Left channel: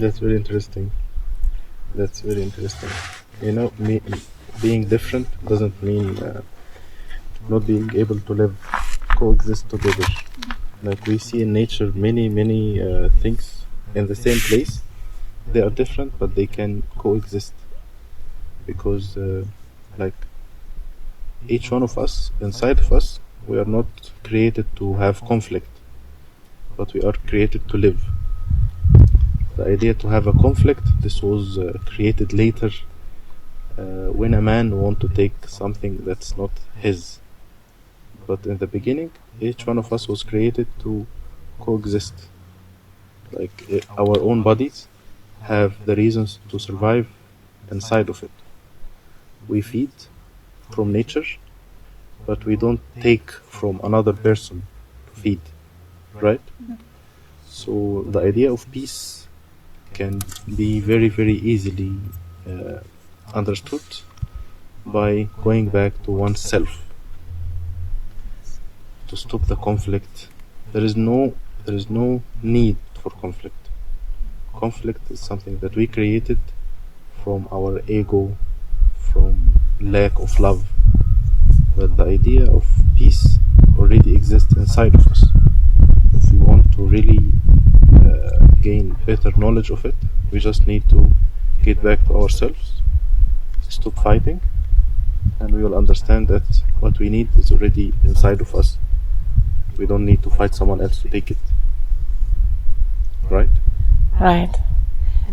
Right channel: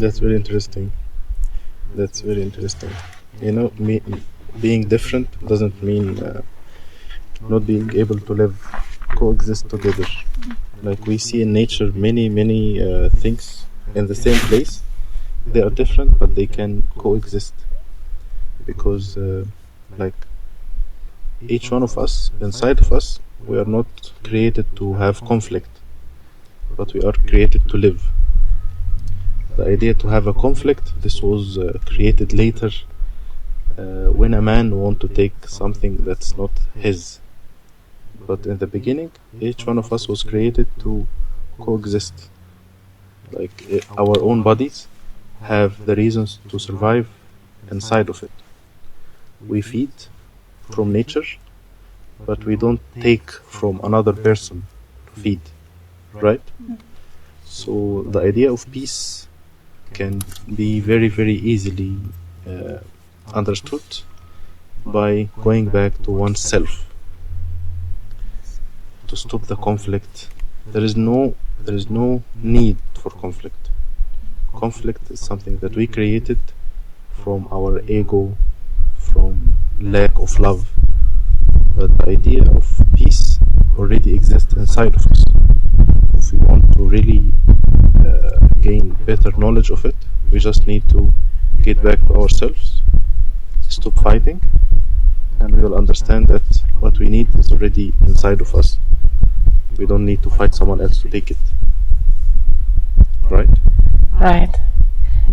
That's very interesting. That's very interesting. You know, being different doesn't mean not being able to live, coexist together. Like we see in nature many things in the same place. They are different, but they can coexist because, like, each one of us, inside of us, we are not created to have conflict, but we are created to live. The idea to have a conflict, this was created later when a man want to take something that's not his. But in the beginning, each one of us was created to coexist. Like our own bodies have the reasons to survive inside of it. We feed from nature, but we don't take from another person to feed, right? So the idea of peace can be very easily understood by going back to oneself, to stop the conflict. There is no need for conflict. Conflict is something that we created from our ego, from lack of love. But the idea of peace already exists inside of us. If we want to really gain better knowledge of it, we just need to get back to ourselves, stop fighting, and we will understand that what we need is already inside of us. We don't need to fight someone else to take it. Right? Right.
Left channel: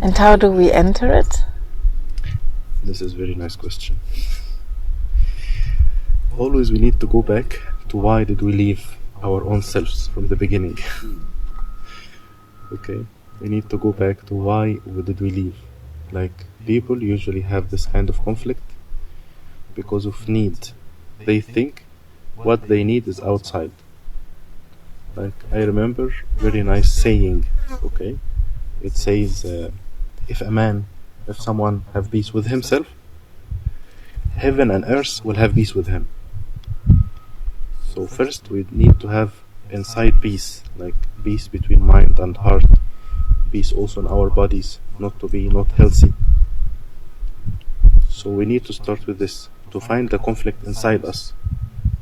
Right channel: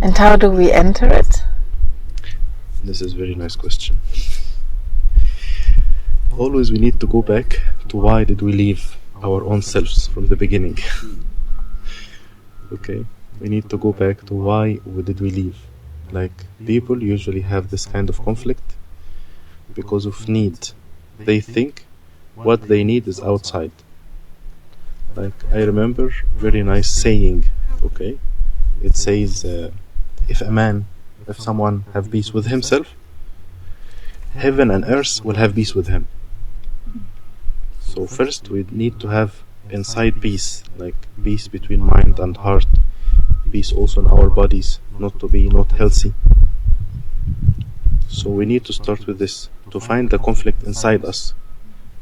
And how do we enter it? This is a very nice question. Always we need to go back to why did we leave our own selves from the beginning. Okay? We need to go back to why did we leave. Like, people usually have this kind of conflict because of need. They think what they need is outside. Like, I remember very nice saying, okay? It says, if someone have peace with himself, heaven and earth will have peace with him. So first we need to have inside peace, like peace between mind and heart, peace also in our bodies, not to be not healthy. So we need to start with this, to find the conflict inside us.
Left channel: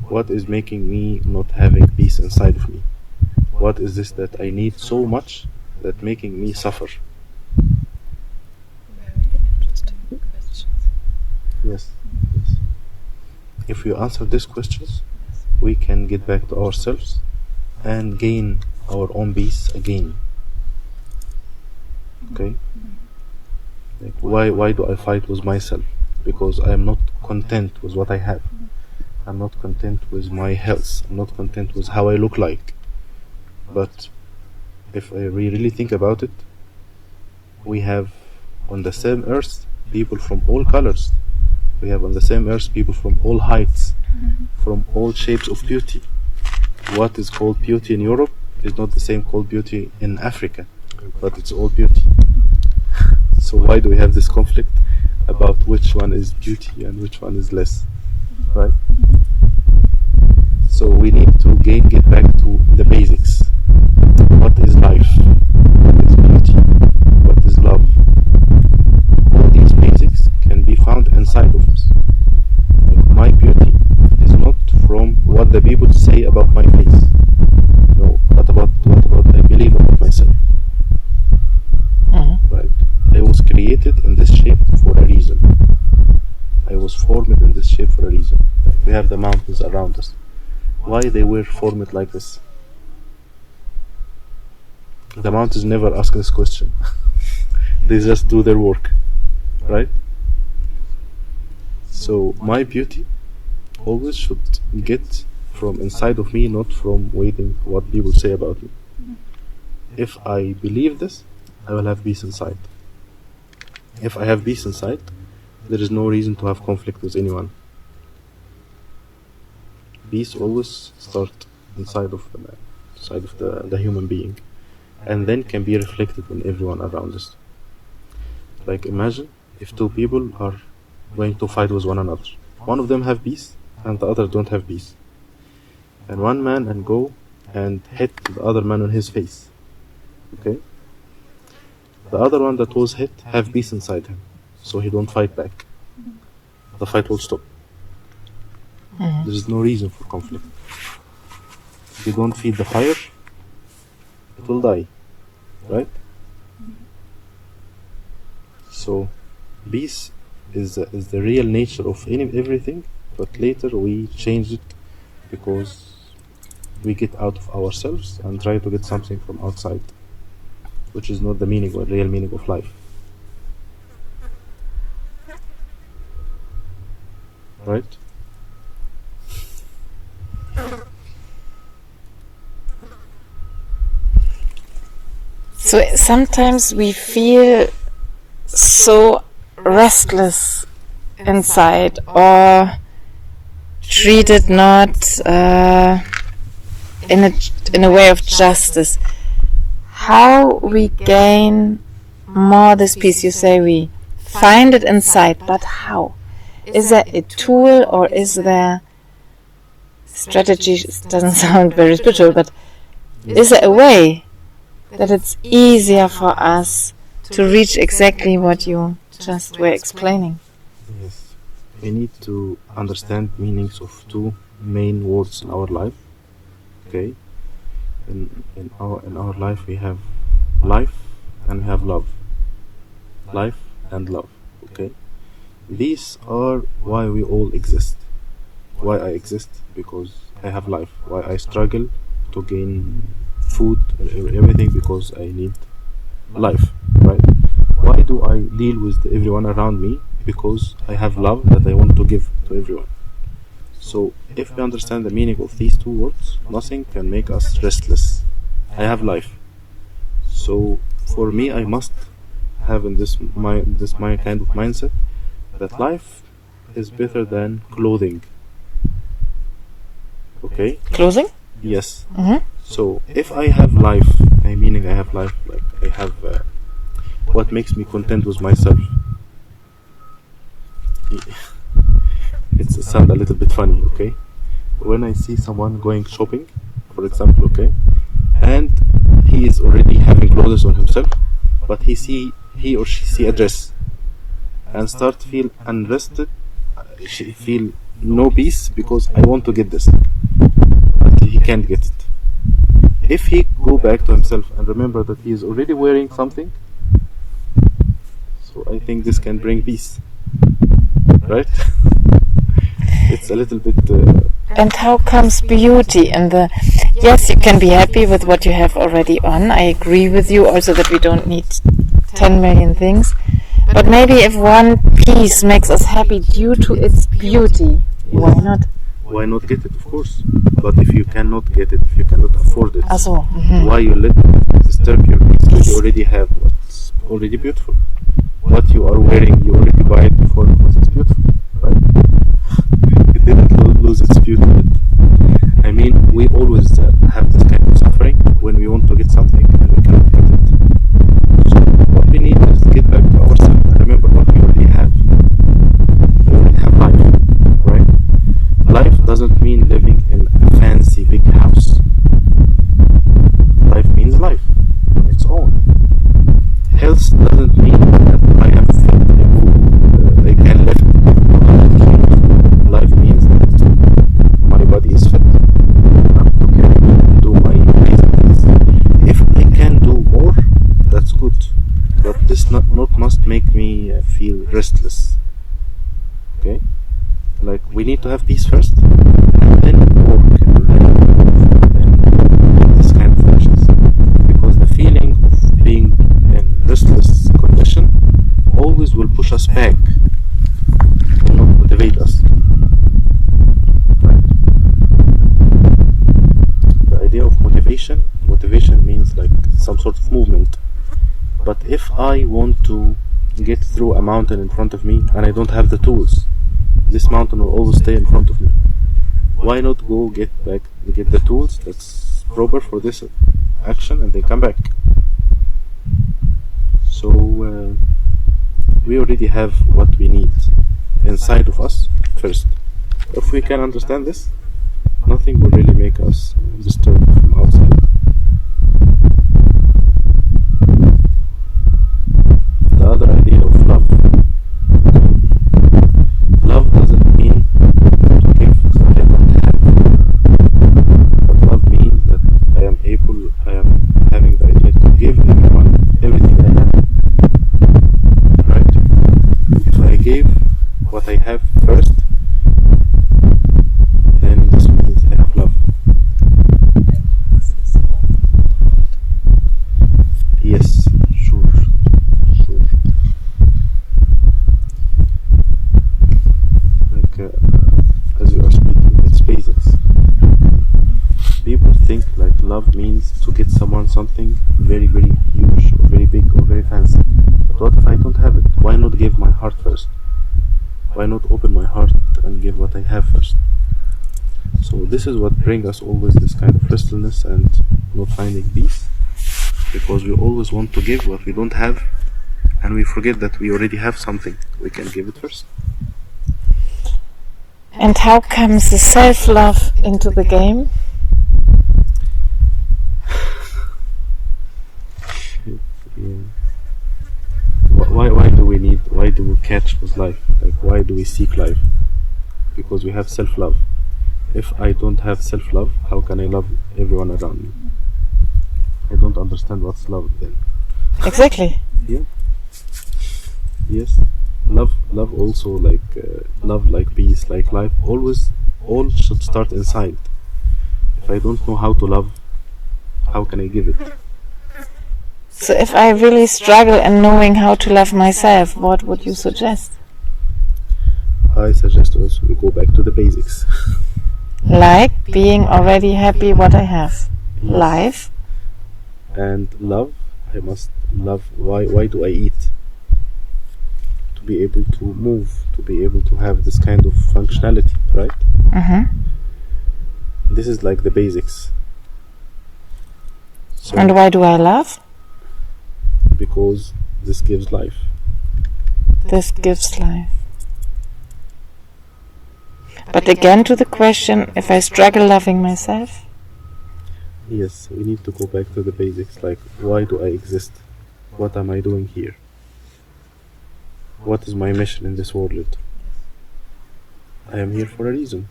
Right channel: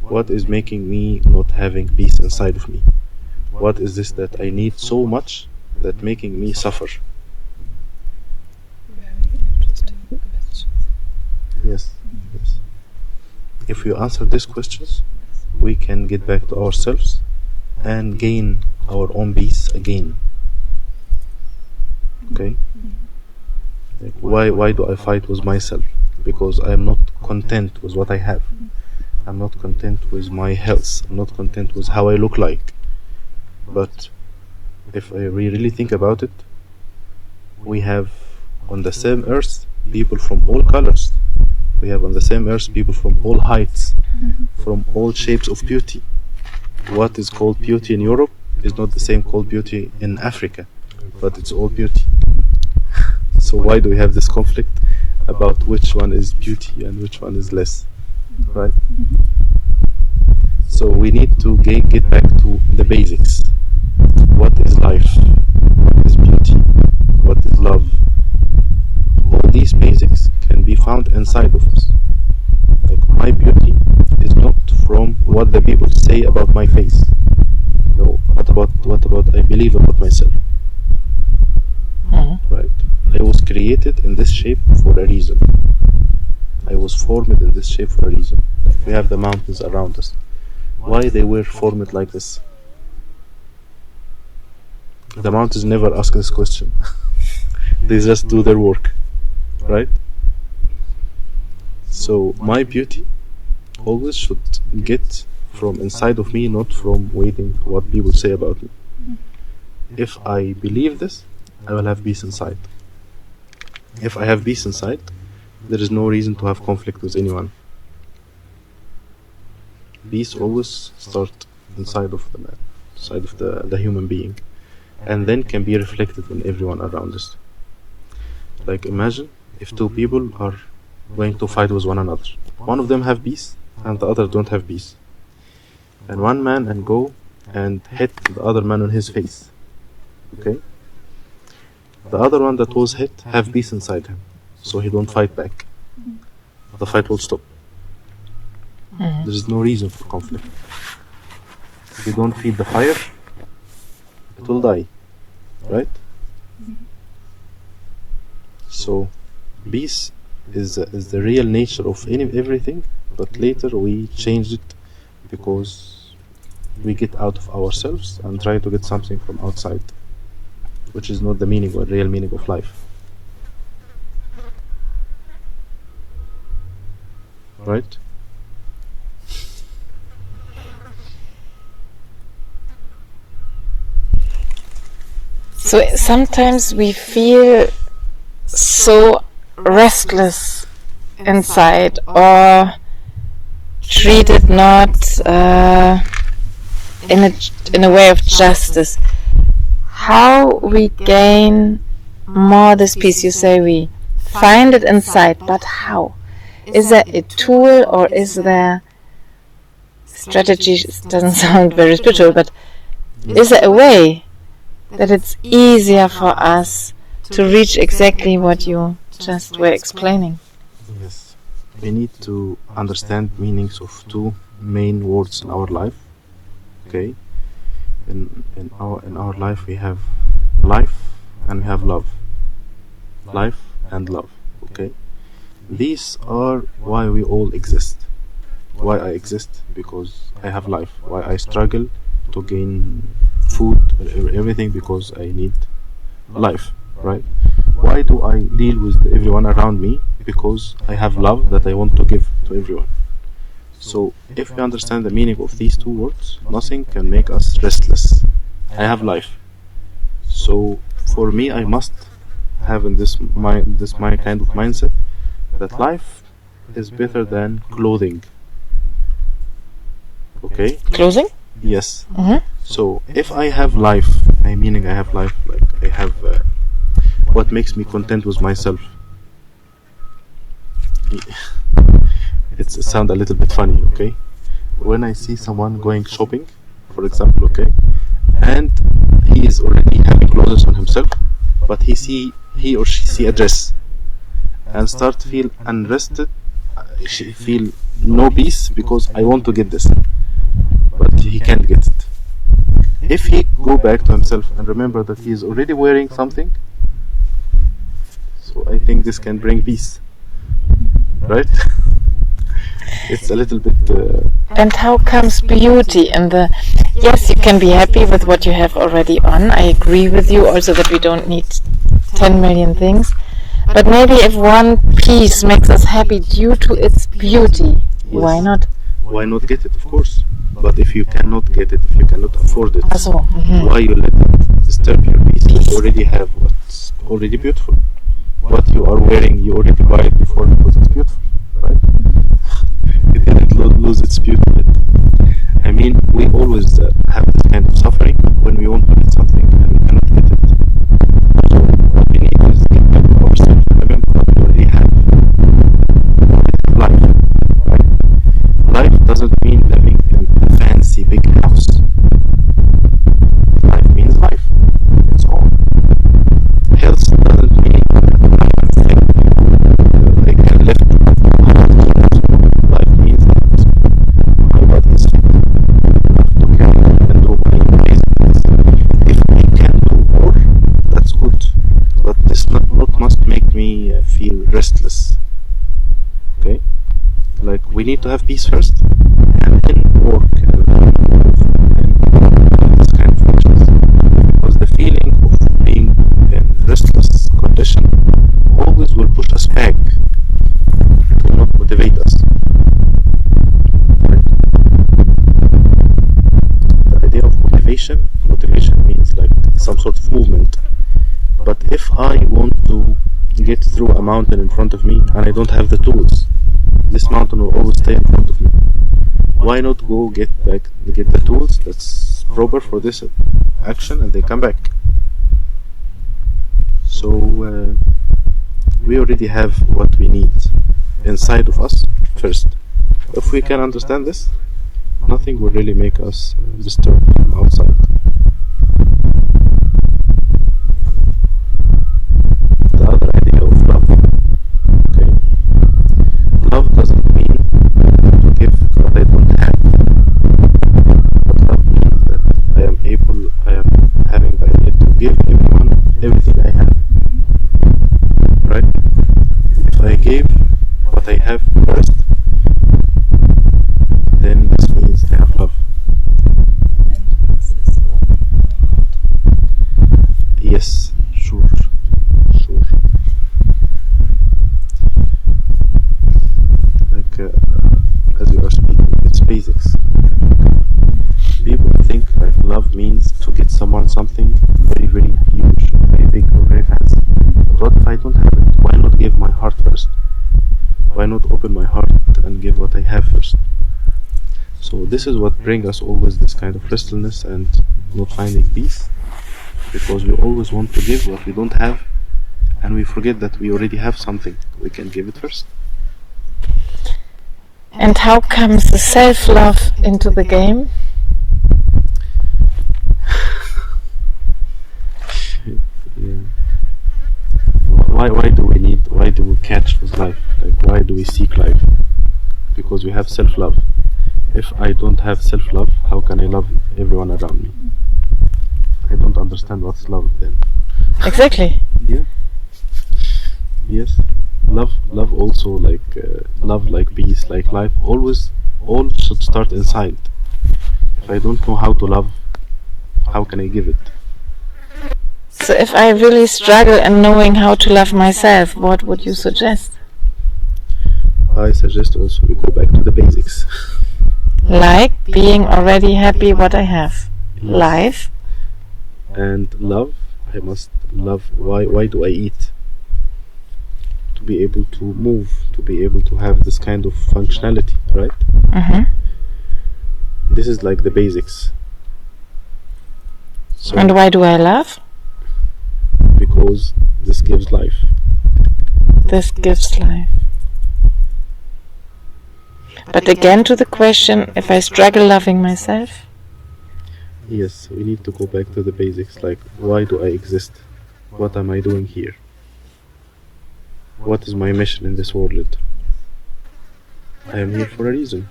What is making me not having peace inside of me? What is this that I need so much that making me suffer? Yes. If we answer these questions, we can get back to ourselves and gain our own peace again. Okay? Why do I fight with myself? Because I am not content with what I have. I'm not content with my health. I'm not content with how I look like. But if we really think about it, we have on the same earth people from all colors. We have on the same earth people from all heights, from all shapes of beauty. What is called beauty in Europe is not the same called beauty in Africa, but it's all beauty. So why do we have this conflict about which one is beauty and which one is less, right? So we need to get back to the basics. What is life? What is beauty? What is love? All these basics can be found inside of us. Like, my beauty is not from what the people say about my face. No, what about I believe about myself? Right? I was created in this shape for a reason. I was formed in this shape for a reason. Like, we have the mountains around us. Why they were formed like this? The mountains never ask this question. They just do their work. Right? So my beauty always should get from inside of me, not from waiting for what people say about me. If I believe this, I will have peace inside. If I have peace inside, there is no reason to have conflict with anyone. Peace always starts inside of the man, inside of the human being, and then can be reflected in everyone around us. Like, imagine if two people are going to fight with one another. One of them have peace and the other don't have peace. And one man can go and hit the other man on his face. Okay? The other one that was hit have peace inside him, so he don't fight back. The fight will stop. There is no reason for conflict. If you don't feed the fire, it will die, right? So peace is the real nature of everything, but later we change it because we get out of ourselves and try to get something from outside, which is not the meaning or real meaning of life. Right? So sometimes we feel so restless inside, or treated not in a way of justice. How we gain more this peace? You say we find it inside, but how? Is there a tool, or is there strategy? It doesn't sound very spiritual, but is there a way that it's easier for us to reach exactly what you just were explaining? Yes. We need to understand meanings of two main words in our life. Okay? In our life we have life and we have love. Life and love. Okay? These are why we all exist. Why I exist? Because I have life. Why I struggle to gain food, everything, because I need life, right? Why do I deal with everyone around me? Because I have love that I want to give to everyone. So if we understand the meaning of these two words, nothing can make us restless. I have life. So for me, I must have in this my kind of mindset that life is better than clothing. Okay? Closing? Yes. Mm-hmm. So if I have life, meaning I have life, like I have what makes me content with myself. It sounds a little bit funny, okay? When I see someone going shopping, for example, okay, and he is already having clothes on himself, but he or she see a dress and start feel unrested, she feel no peace because I want to get this, but he can't get it. If he go back to himself and remember that he is already wearing something, so I think this can bring peace, right? It's a little bit And how comes beauty in the... Yes, you can be happy with what you have already on. I agree with you also that we don't need 10 million things. But maybe if one piece makes us happy due to its beauty, why not? Why not get it, of course? But if you cannot get it, if you cannot afford it, why you let it disturb your peace? You already have what's already beautiful. What you are wearing, you already buy it before because it's beautiful, right? It didn't lose its beauty. I mean, we always have this kind of suffering when we want to get something and we cannot get it. So what we need is get back to ourselves and remember what we already have. We already have life, right? Life doesn't mean living in a fancy big house. Life means life, its own. Health doesn't mean that I am fit and I can lift 100 kilos. Life means that my body is fit enough to carry and do my amazing things. If I can do more, that's good. But this not must make me feel restless. Okay? Like, we need to have peace first, and then work and this kind of functions. Because the feeling of being in restless condition always will push us back, will not motivate us. Right? The idea of motivation means like some sort of movement. But if I want to get through a mountain in front of me and I don't have the tools, this mountain will always stay in front of me. Why not go get the tools that's proper for this action and then come back? So we already have what we need inside of us first. If we can understand this, nothing will really make us disturbed from outside. gave what I have first, then this means I have love. Yes, sure. Like, as you are speaking, it's basics. People think like love means to get someone something very, very huge, or very big, or very fancy. But what if I don't have it? Why not give my heart first? Why not open my heart and give what I have first? So this is what brings us always this kind of restlessness and not finding peace, because we always want to give what we don't have, and we forget that we already have something. We can give it first. And how comes the self-love into the game? Yeah. Why do we catch this life? Like, why do we seek life? Because we have self-love. If I don't have self-love, how can I love everyone around me? I don't understand what's love then. Exactly. Yeah. Yes. Love also, like love, like peace, like life. All should start inside. If I don't know how to love, how can I give it? So if I really struggle in knowing how to love myself, what would you suggest? I suggest also we go back to the basics. Like being already happy what I have. Life. And love, I must love. Why do I eat? To be able to move, to be able to have this kind of functionality, right? This is like the basics. So, And why do I love? because this gives life. This gives life. But again to the question, if I struggle loving myself? Yes, we need to go back to the basics, like why do I exist? What am I doing here? What is my mission in this world? I am here for a reason.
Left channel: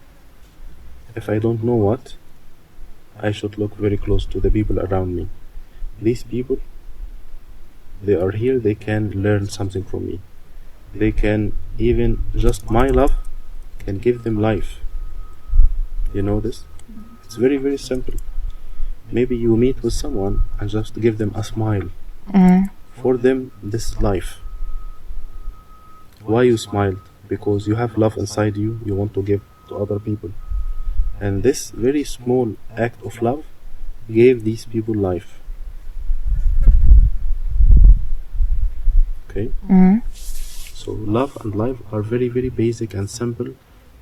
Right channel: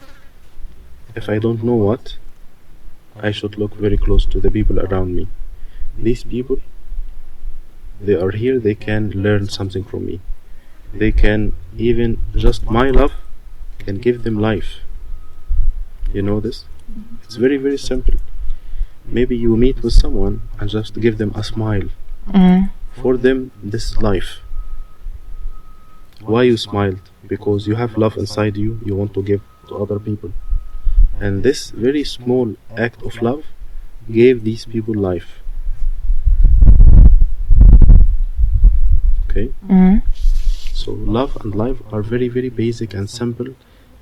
If I don't know what, I should look very close to the people around me. These people, they are here, they can learn something from me. They can, even just my love can give them life. You know this? It's very, very simple. Maybe you meet with someone and just give them a smile. For them, this is life. Why you smiled? Because you have love inside you, you want to give to other people. And this very small act of love gave these people life. Okay? So love and life are very, very basic and simple,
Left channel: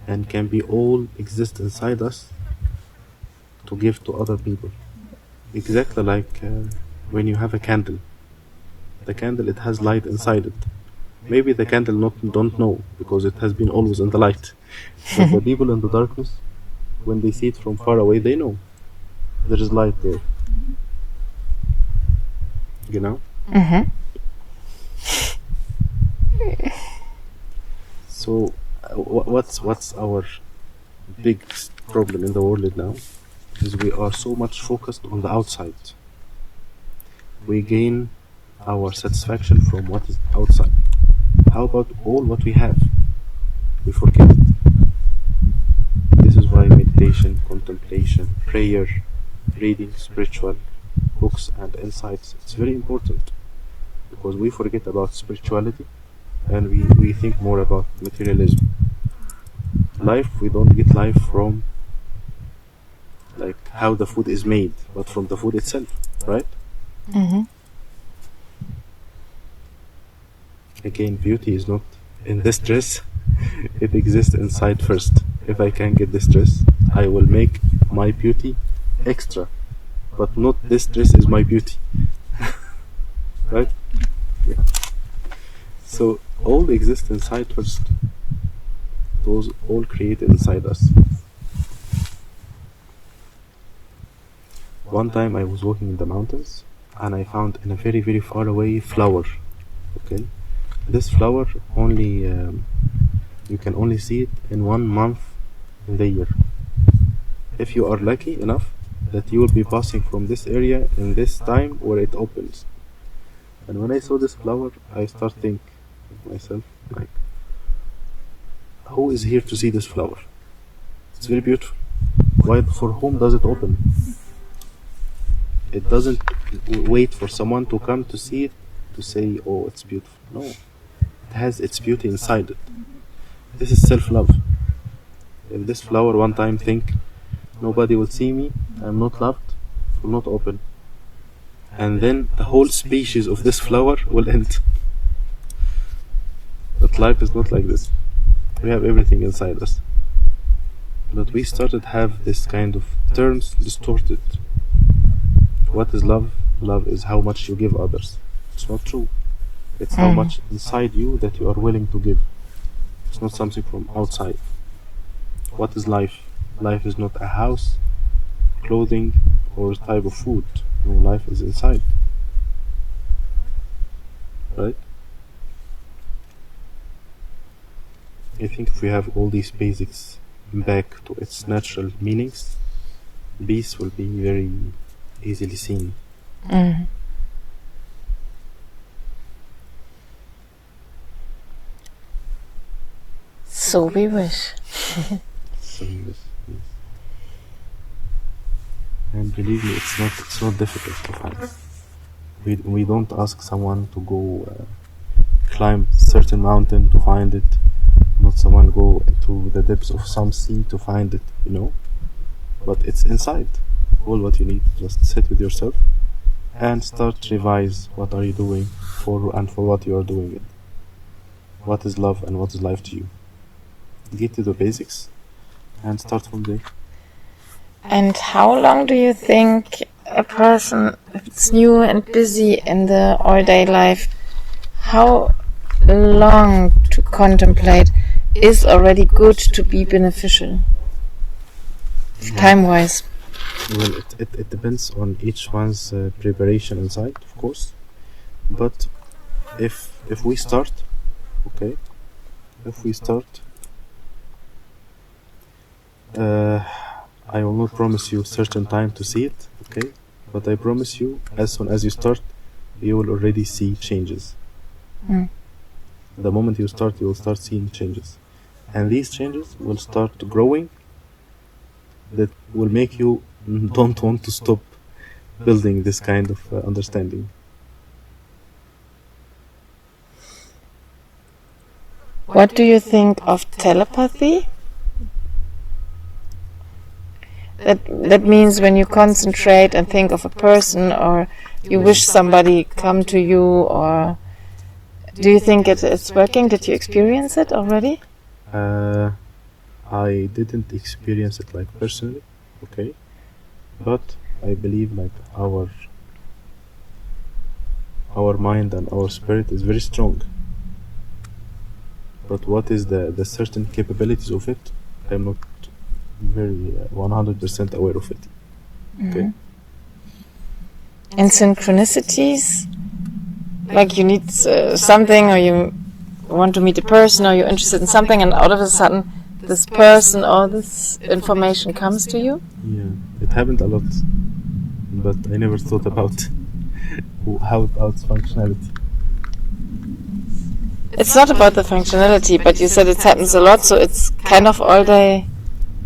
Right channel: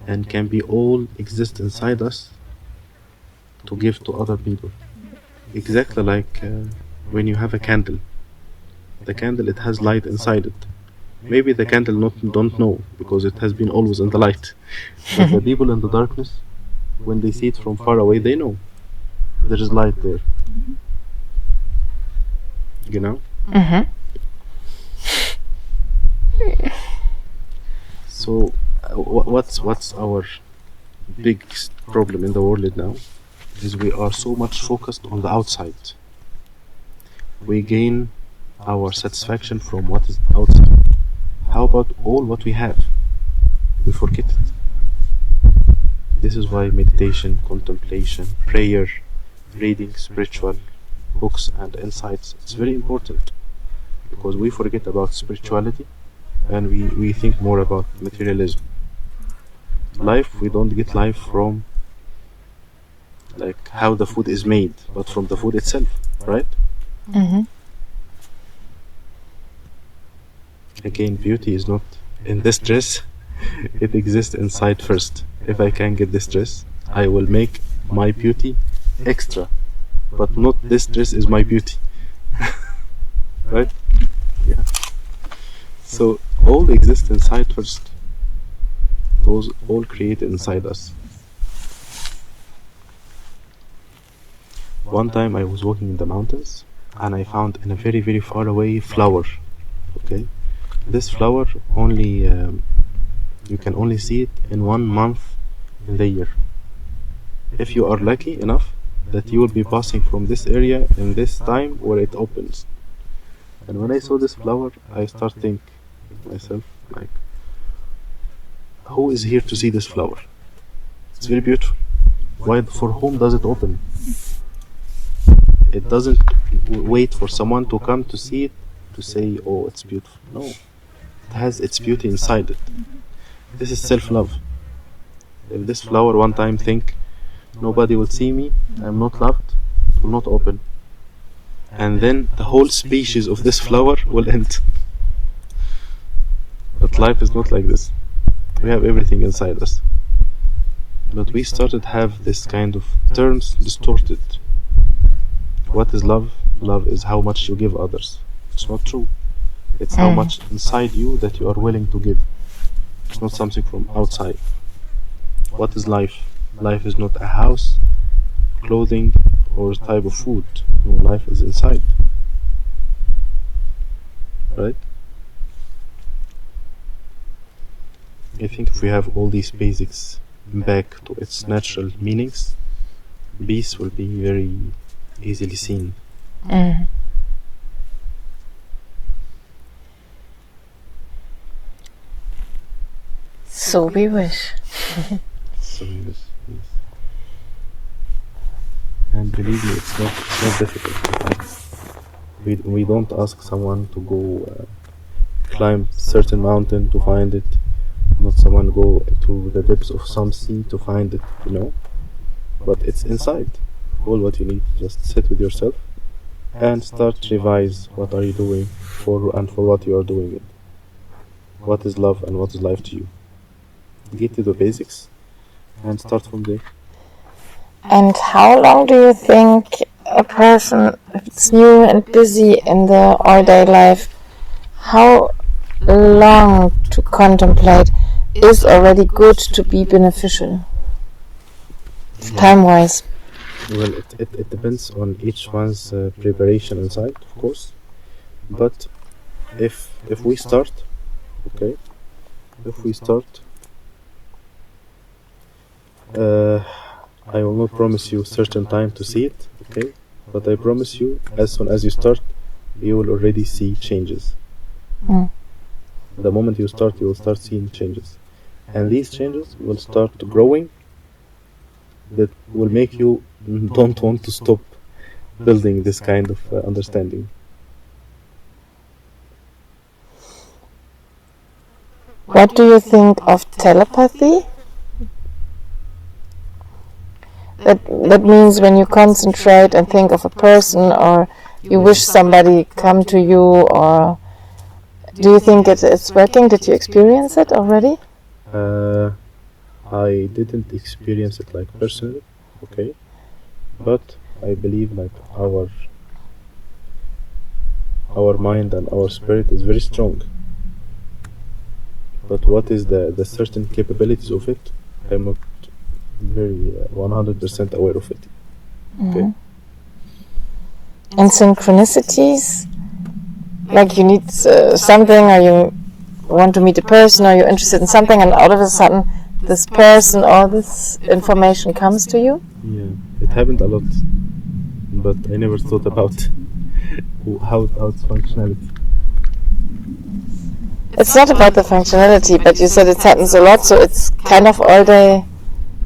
and can be all exist inside us to give to other people. Exactly like when you have a candle. The candle, it has light inside it. Maybe the candle don't know, because it has been always in the light. But the people in the darkness, when they see it from far away, they know there is light there. You know? So what's our biggest problem in the world now is we are so much focused on the outside. We gain our satisfaction from what is outside. How about all what we have? We forget it. This is why meditation, contemplation, prayer, reading spiritual books and insights, it's very important, because we forget about spirituality and we think more about materialism. Life, we don't get life from like how the food is made, but from the food itself, right? Again, beauty is not in this dress, it exists inside first. If I can get this dress, I will make my beauty extra, but not this dress is my beauty. Right? Yeah. So all exists inside first. Those all created inside us. One time I was walking in the mountains and I found in a very, very far away flower. Okay, this flower only you can only see it in 1 month in the year. If you are lucky enough that you will be passing from this area in this time where it opens. And when I saw this flower, I start thinking to myself, like, who is here to see this flower? It's very beautiful. Why? For whom does it open? It doesn't wait for someone to come to see it to say, oh, it's beautiful. No, it has its beauty inside it. This is self-love. If this flower one time think nobody will see me, I'm not loved, it will not open. And then the whole species of this flower will end. But life is not like this. We have everything inside us. But we started to have this kind of terms distorted. What is love? Love is how much you give others. It's not true. It's how much inside you that you are willing to give. It's not something from outside. What is life? Life is not a house, clothing, or a type of food. No, life is inside. Right? I think if we have all these basics back to its natural meanings, peace will be very easily seen. So we wish. So, yes. And believe me, it's not difficult. We don't ask someone to go climb certain mountain to find it. Not someone go to the depths of some sea to find it, But it's inside. All what you need, just sit with yourself and start revise what are you doing for what you are doing it. What is love and what is life to you? Get to the basics and start from there. And how long do you think a person, if it's new and busy in the all-day life, how long to contemplate is already good to be beneficial, time-wise? Well, it depends on each one's preparation inside, of course. But if we start, okay, I will not promise you certain time to see it, okay? But I promise you, as soon as you start, you will already see changes. The moment you start, you will start seeing changes. And these changes will start growing, that will make you don't want to stop building this kind of understanding. What do you think of telepathy? That means when you concentrate and think of a person, or you wish somebody come to you, or do you think it's working? Did you experience it already? I didn't experience it like personally, okay, but I believe like our mind and our spirit is very strong. But what is the certain capabilities of it? I'm not very 100% aware of it. Okay. And synchronicities, like you need something, or you want to meet a person, or you're interested in something, and all of a sudden this person or this information comes to you? Yeah, it happened a lot, but I never thought about how its functionality. It's not about the functionality, but you said it happens a lot, so it's kind of all day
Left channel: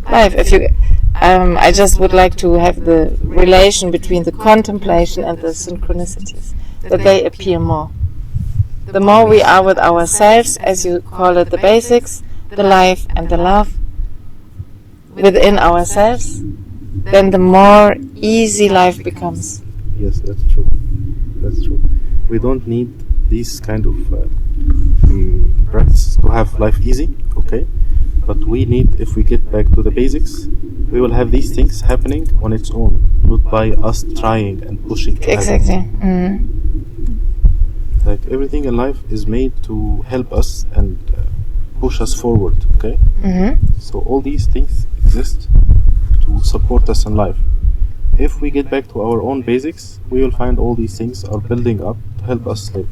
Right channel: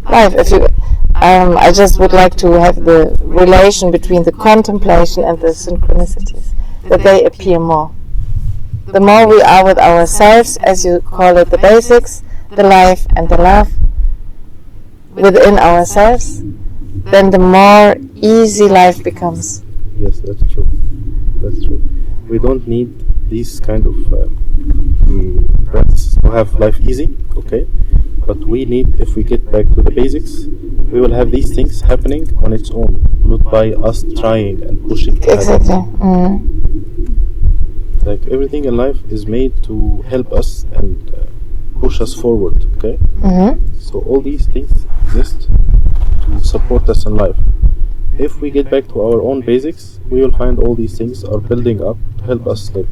life. If you, I just would like to have the relation between the contemplation and the synchronicities, that they appear more. The more we are with ourselves, as you call it, the basics, the life and the love within ourselves, then the more easy life becomes. Yes, that's true. That's true. We don't need these kind of practices to have life easy, okay? But we need, if we get back to the basics, we will have these things happening on its own, not by us trying and pushing. Exactly. Like everything in life is made to help us and push us forward, okay? So all these things exist to support us in life. If we get back to our own basics, we will find all these things are building up to help us live.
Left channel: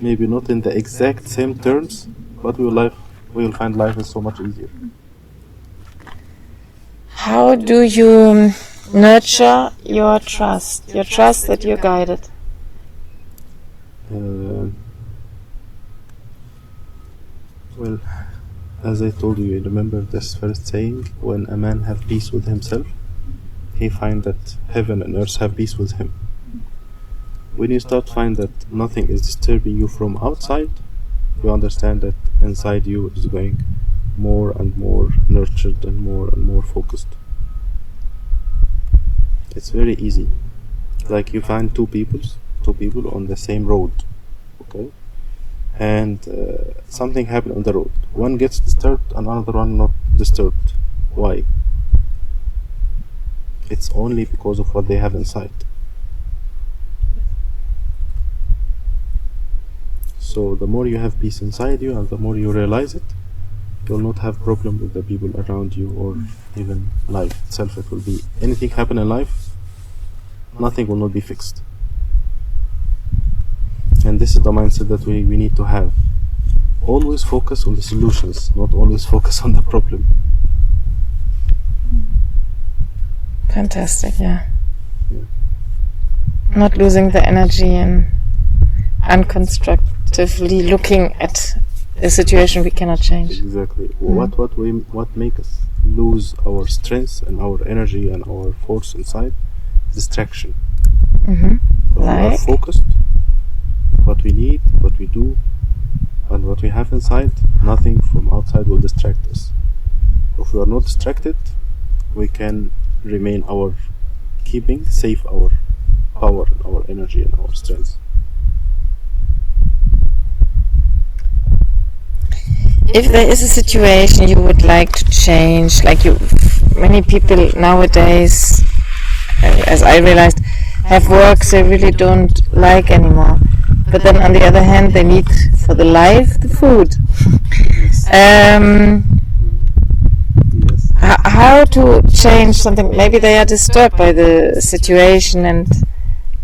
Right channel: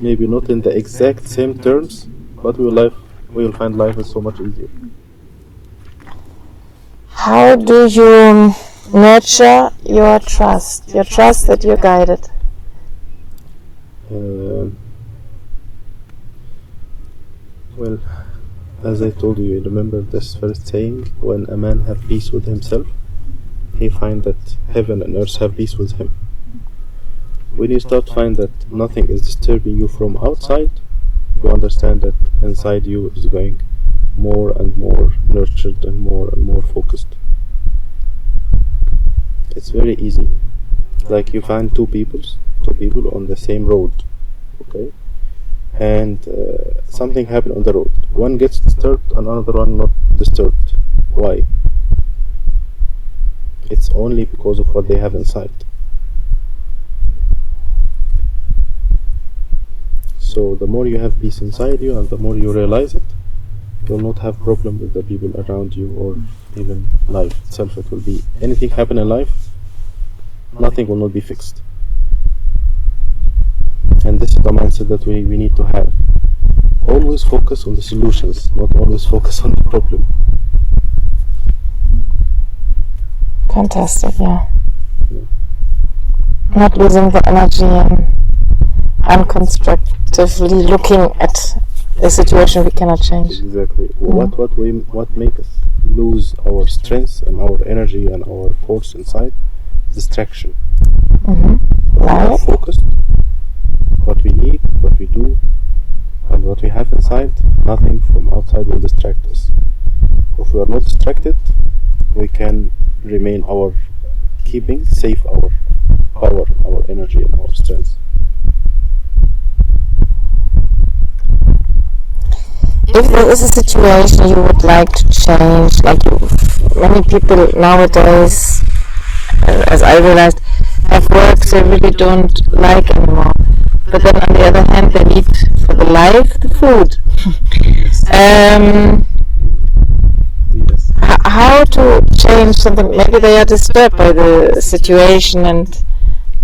Maybe not in the exact same terms, but we will find life is so much easier. How do you nurture your trust that you're Well, as I told you, remember this first saying, when a man have peace with himself, he find that heaven and earth have peace with him. When you start find that nothing is disturbing you from outside, you understand that inside you is going more and more nurtured and more focused. It's very easy. Like you find two people on the same road, okay? And something happened on the road. One gets disturbed and another one not disturbed. Why? It's only because of what they have inside. So the more you have peace inside you and the more you realize it, you'll not have problem with the people around you or even life itself. It will be anything happen in life, nothing will not be fixed. And this is the mindset that we need to have. Always focus on the solutions, not always focus on the problem. Fantastic, yeah. Not losing the energy and unconstructively looking at a situation we cannot change. Exactly. What make us lose our strength and our energy and our force inside? Distraction. Mm-hmm. We are focused, what we need, what we do, and what we have inside, nothing from outside will distract us. If we are not distracted, we can remain keeping safe our power, our energy and our strength. If there is a situation you would like to change, like many people nowadays, as I realized, have works they really don't like anymore. But then on the other hand, they need for the life the food. Yes. How to change something? Maybe they are disturbed by the situation and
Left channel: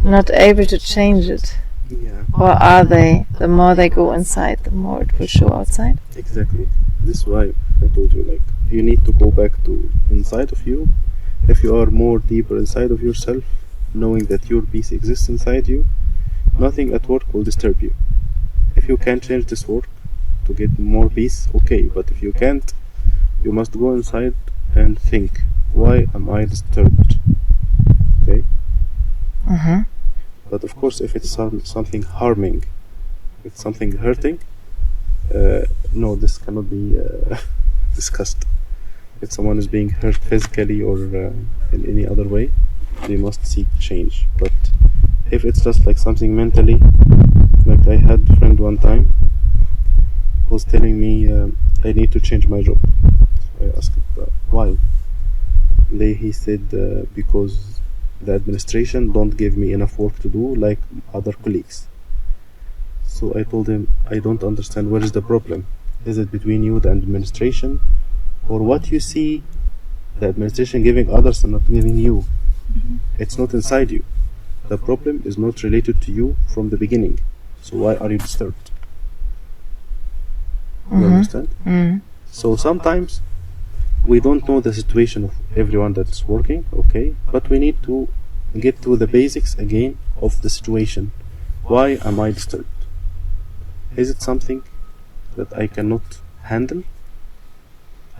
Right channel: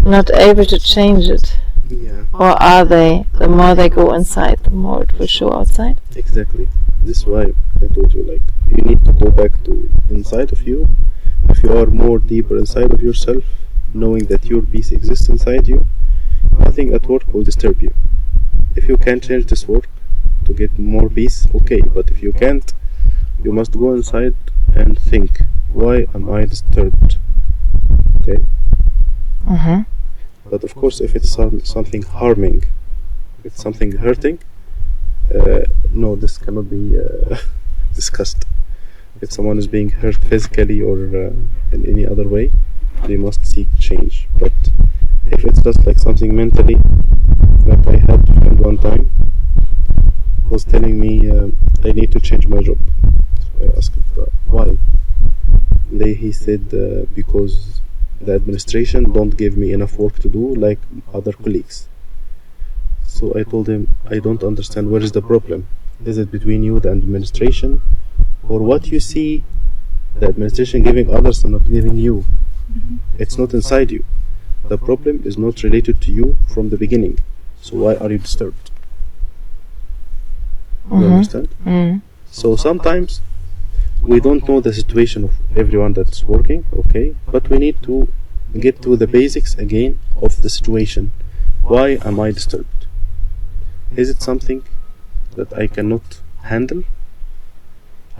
not able to change it. Yeah. Or are they? The more they go inside, the more it will show outside. Exactly. This is why I told you, like, you need to go back to inside of you. If you are more deeper inside of yourself, knowing that your peace exists inside you, nothing at work will disturb you. If you can change this work to get more peace, okay, but if you can't, you must go inside and think, why am I disturbed? Okay? Mm-hmm. But of course, if it's something harming, if it's something hurting, no, this cannot be discussed. If someone is being hurt physically or in any other way, they must seek change. But if it's just like something mentally, like I had a friend one time was telling me I need to change my job. I asked why. He said because the administration don't give me enough work to do like other colleagues. So I told him, I don't understand, where is the problem? Is it between you, the administration, or what you see the administration giving others and not giving you? It's not inside you. The problem is not related to you from the beginning. So why are you disturbed? You understand? Mm-hmm. So sometimes we don't know the situation of everyone that's working, okay, but we need to get to the basics again of the situation. Why am I disturbed? Is it something that I cannot handle?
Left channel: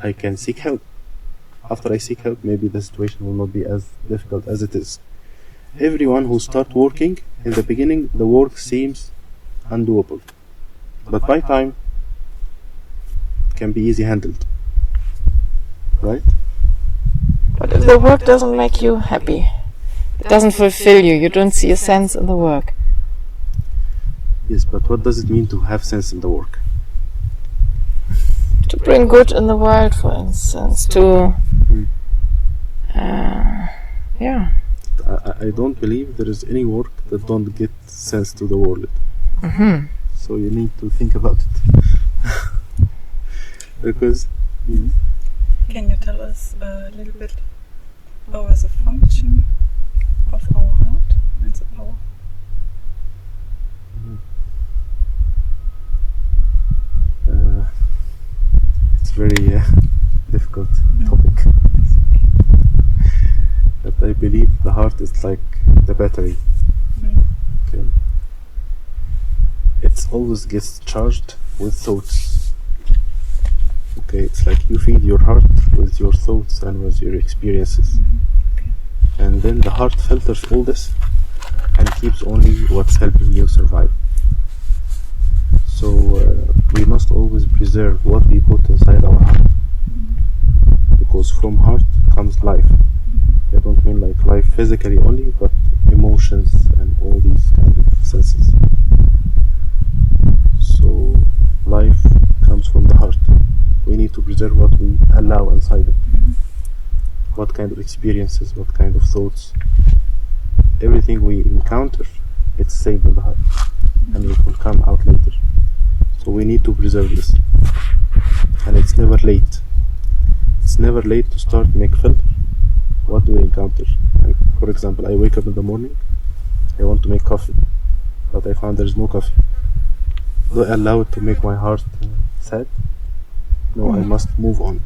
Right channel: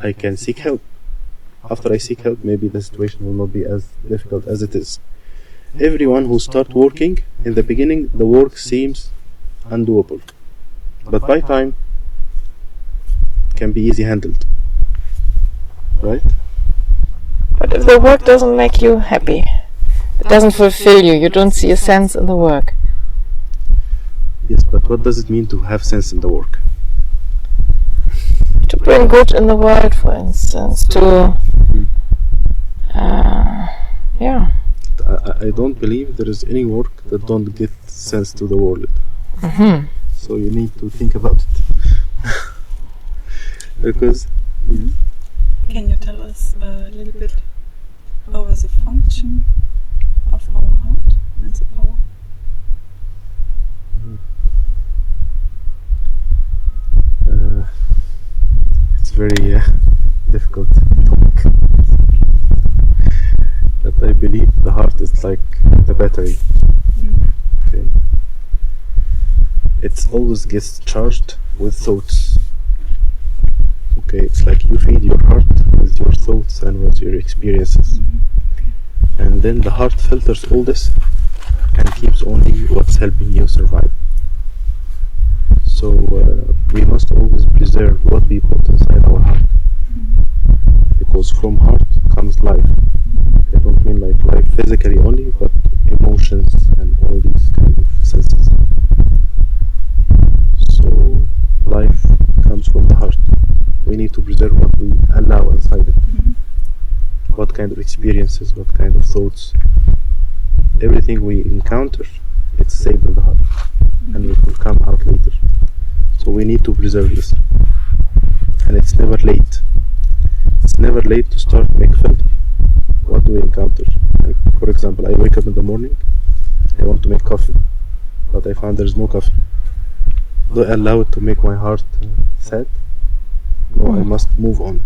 I can seek help. After I seek help, maybe the situation will not be as difficult as it is. Everyone who starts working, in the beginning, the work seems undoable. But by time, it can be easy handled. Right? But if the work doesn't make you happy, it doesn't fulfill you, you don't see a sense in the work. Yes, but what does it mean to have sense in the work? To bring good in the world, for instance, to... yeah. I don't believe there is any work that don't get sense to the world. Mm-hmm. So you need to think about it. Because... Can you tell us a little bit over the function of our heart and the power? It's very difficult topic. But I believe the heart is like the battery. Okay. It always gets charged with thoughts. Okay, it's like you feed your heart with your thoughts and with your experiences. And then the heart filters all this and keeps only what's helping you survive. So we must always preserve what we put inside our heart. Because from heart comes life. I don't mean like life physically only, but emotions and all these kind of senses. So life comes from the heart. We need to preserve what we allow inside it. What kind of experiences, what kind of thoughts. Everything we encounter, it's saved in the heart. And it will come out later. So we need to preserve this. And it's never late. It's never late to start make filter. What do we encounter? Like, for example, I wake up in the morning, I want to make coffee, but I found there's no coffee. Do I allow it to make my heart sad? No, I must move on.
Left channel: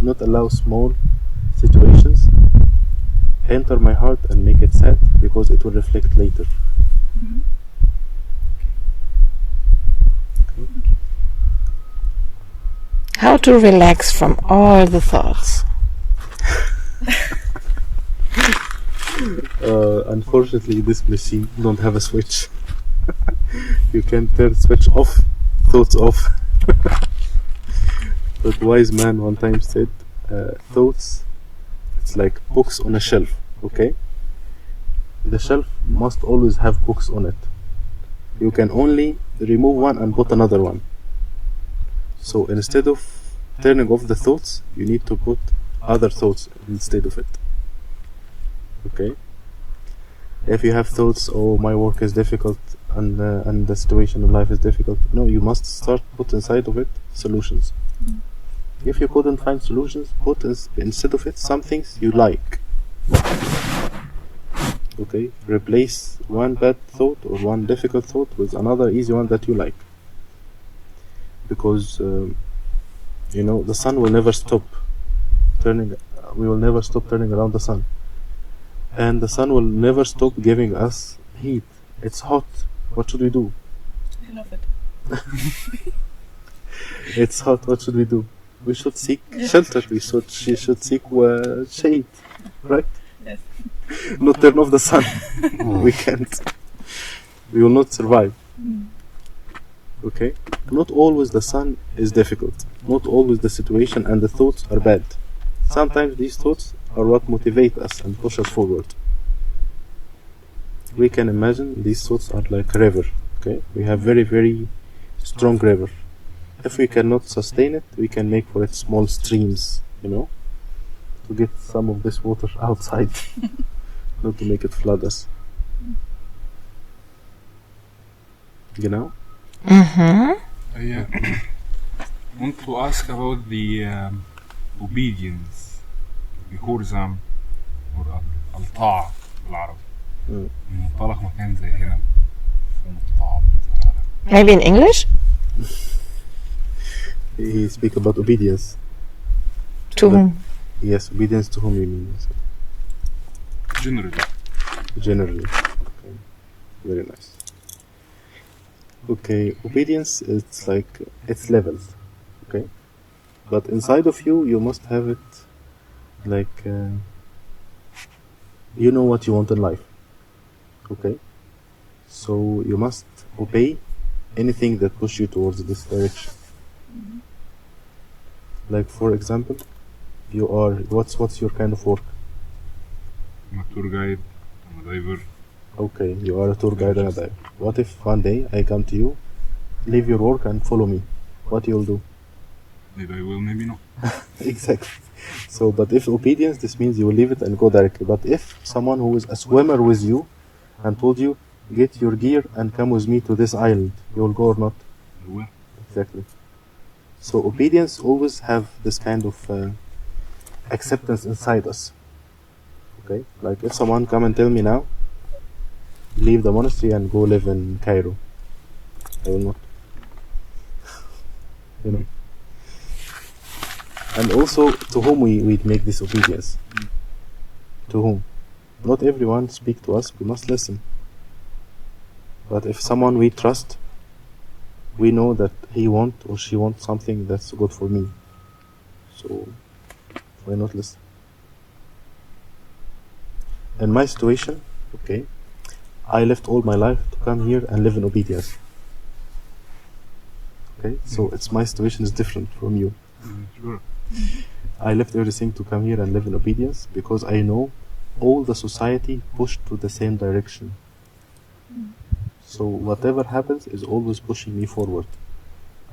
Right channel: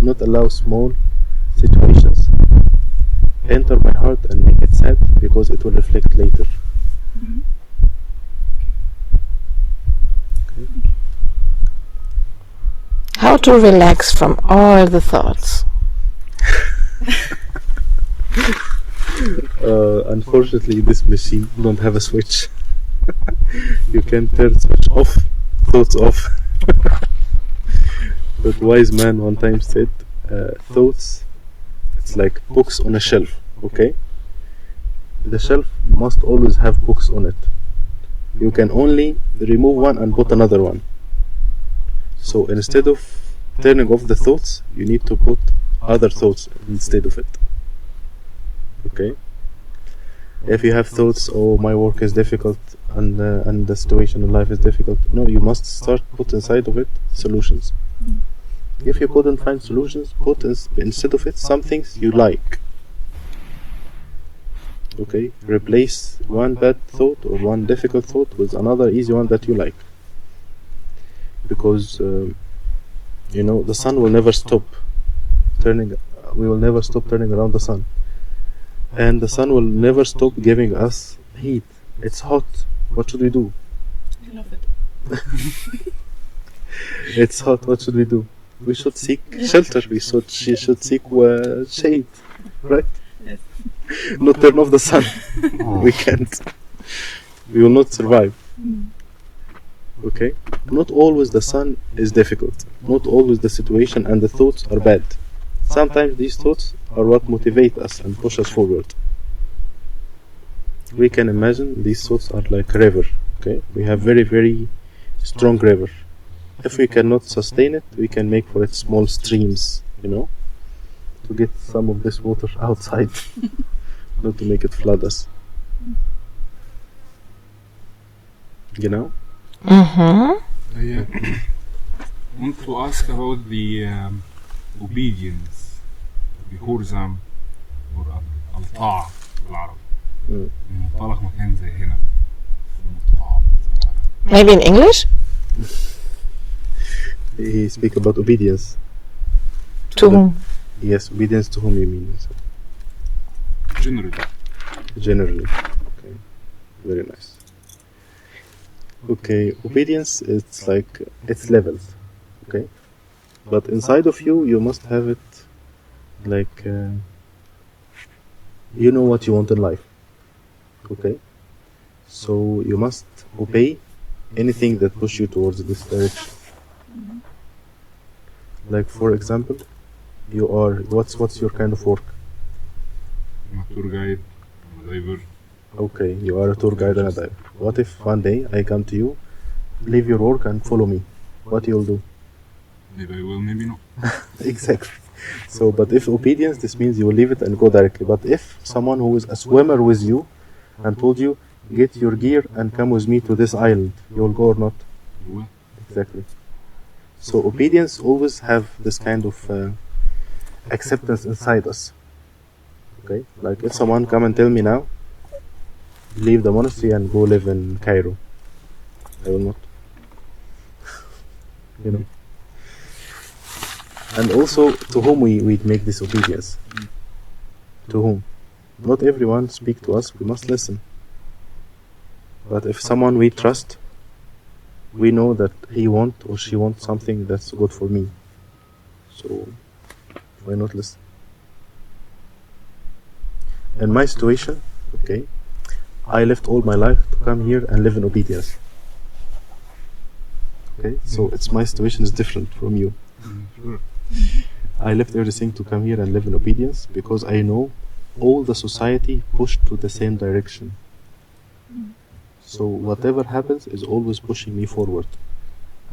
Not allow small situations enter my heart and make it sad, because it will reflect later. How to relax from all the thoughts? Unfortunately, this machine don't have a switch. You can turn switch off, thoughts off. But wise man one time said, thoughts, it's like books on a shelf, okay? The shelf must always have books on it. You can only remove one and put another one. So instead of turning off the thoughts, you need to put other thoughts instead of it. Okay? If you have thoughts, oh, my work is difficult and the situation in life is difficult, no, you must start put inside of it solutions. If you couldn't find solutions, put instead of it some things you like. Okay? Replace one bad thought or one difficult thought with another easy one that you like. Because the sun will never stop turning. We will never stop turning around the sun, and the sun will never stop giving us heat. It's hot. What should we do? I love it. It's hot. What should we do? We should seek shelter. We should seek shade, right? Yes. Not turn off the sun. We can't. We will not survive. Okay? Not always the sun is difficult. Not always the situation and the thoughts are bad. Sometimes these thoughts are what motivate us and push us forward. We can imagine these thoughts are like a river. Okay? We have very, very strong river. If we cannot sustain it, we can make for it small streams, to get some of this water outside, not to make it flood us. Mm-hmm. I want to ask about the obedience, the horizon or الطاعة بالعربي. منطلق مكان زي هنا. Maybe in English? He speak about obedience. To whom? Yes, obedience to whom you mean? Generally. Okay. Very nice. Okay, obedience, it's like, it's levels. Okay? But inside of you, you must have it like, you know what you want in life. Okay? So you must obey anything that push you towards this direction. Like, for example, you are, what's your kind of work? I'm a tour guide, I'm a diver. Okay, you are a tour guide and a diver. What if one day I come to you, leave your work and follow me? What you'll do? Maybe I will, maybe not. Exactly. So, but if obedience, this means you will leave it and go directly. But if someone who is a swimmer with you and told you, get your gear and come with me to this island, you will go or not? I will. Exactly. So obedience always have this kind of acceptance inside us. Okay? Like if someone come and tell me now, leave the monastery and go live in Cairo, I will not. And also, to whom we make this obedience? To whom? Not everyone speak to us, we must listen. But if someone we trust, we know that he want or she wants something that's good for me. So why not listen? In my situation, okay, I left all my life to come here and live in obedience. Okay, so it's my situation is different from you. Sure. I left everything to come here and live in obedience because I know all the society pushed to the same direction. So whatever happens is always pushing me forward.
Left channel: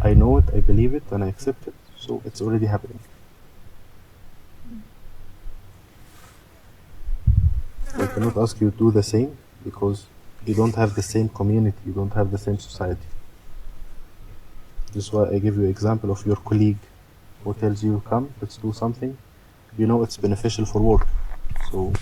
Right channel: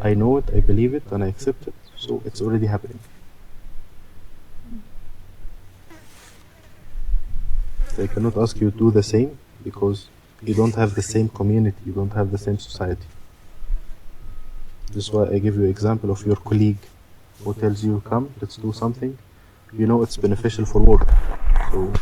I know it, I believe it, and I accept it, so it's already happening. So I cannot ask you to do the same because you don't have the same community, you don't have the same society. This is why I give you an example of your colleague who tells you, come, let's do something. You know it's beneficial for work. So